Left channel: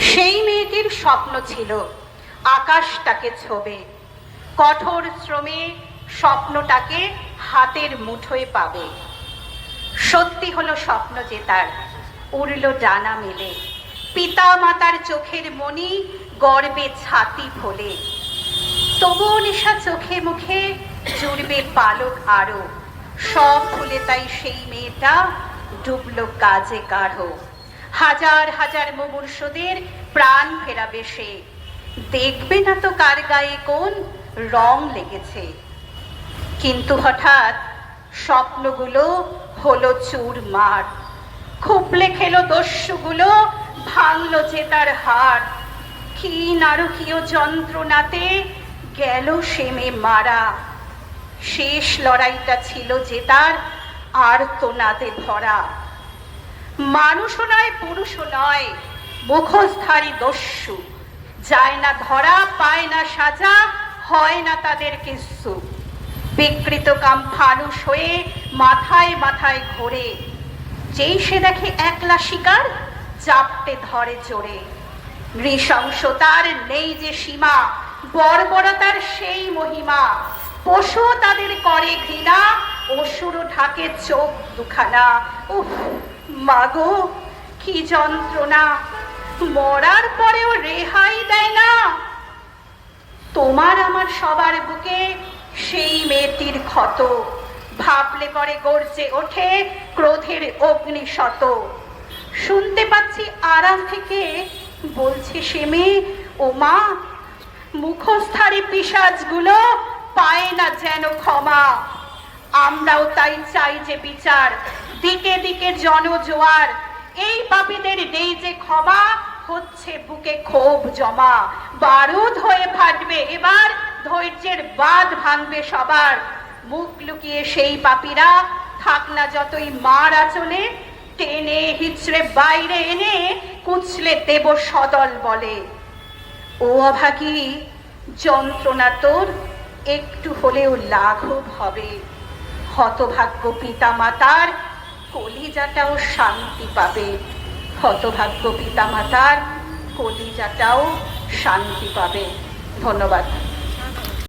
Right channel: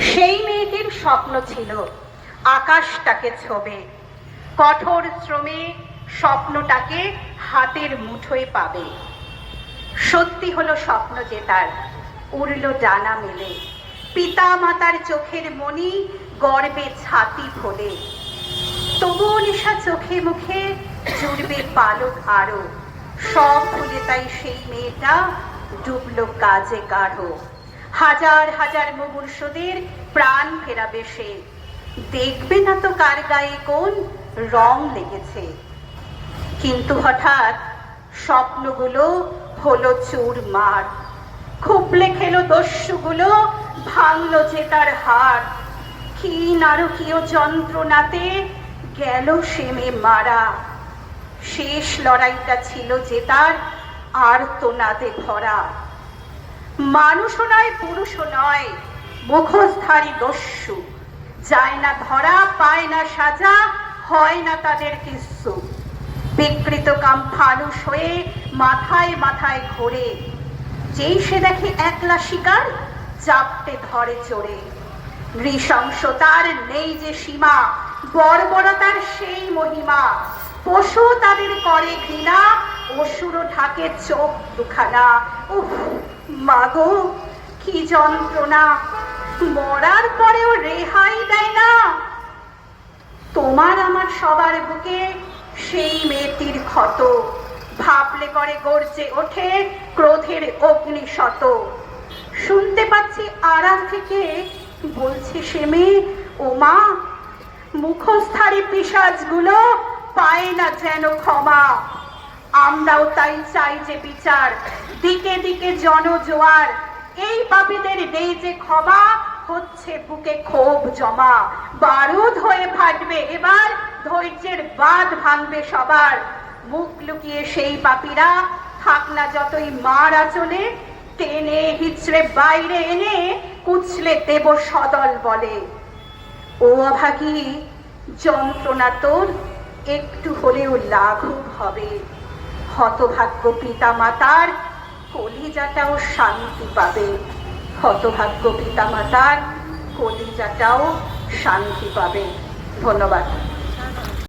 সেই মেয়েটির স্বপ্ন ছিল আকাশটাকে ছোবে। কঠোর শ্রমে স্বপ্নটাকে হাতের মুঠোয় পাবে। সত্যি হলো স্বপ্ন যে তার উড়ল ডানা মেলে। পিতা মাতার চোখের মনি গর্বে ছাতি ফোলে তবুও নিশা চোখে মুখে জুড়বে পালক আরও। সব ভুলে তাই সেই মেয়েটা ডুবলো কাজে গাঢ় হাজার হাজার মুমূর্ষদের প্রাণ ফেরাবে সে। দেখবে না তো কার গায়ে কোন রং লেগেছে। কিন্তু হঠাৎ স্বপ্নগুলো হলো চুর মার খুবলে খেলো দস্যুগুলো, ভাঙলো যে তার হাড় কি নারকীয় যন্ত্রণাতে গেল সেমে মারা। শেষ লড়াইটা ছিল যে তার আর্তনাদে ভরা। মানুষও নয়, পুরুষও নয়। মুখোশধারী দস্যু। যায় না ধরা, পায় না সাজা, হয় না তাদের কিচ্ছু। বিকৃত কাম ফানুষ হয়ে মাথায় মাথায় ঘোরে। যেই সে দেখে একলা শিকার চাপটে ধরে চড়ে নৃশংসতার নেই যে সীমা, বর্বরতার সেই মহিমা। পশু তাদের করে ঘৃণা। অসুর ঢাকে চোখ দুখানা। উফ, মাগো, কি যন্ত্রণা। মরার পরেও রেহাই দেয় না। তোমার আমার সবার বুকে সেই মেয়েটির ক্ষত। ভাবলে করে গর্জে ওঠে ক্রোধের অগ্নি শত শুনতে পাচ্ছি আড়াল থেকে, বলছে সে মেয়ে, ও মা মুখোশধারী পিসাজগুলো পায় না যেন ক্ষমা। আমরাও তাই চাই যে বিচার। দিকে দিকে জনজোয়ার। এই পাপীদের নেই যে ক্ষমা, হচ্ছে বুকে ক্ষোভ জমা। বারুদ হয়ে ফাটবে, এবার ধৈর্যের বাঁধ ভাঙবে সবার। মুখ লুকিয়ে সেই পাপীরা থাক না যতই মার আচলে, টেনে হিচড়ে বাইরে এনে কুচলে দেব সদল বলে। ও অভাগী, যন্ত্রণা তোর। একটু হলেও লাঘব হবে। হতভাগ্য পিতা মাতার কলিজাটাও শান্তি পাবে। হতভাগ্য পিতা মাতার কলিজাটাও শান্তি পাবে। ধন্যবাদ।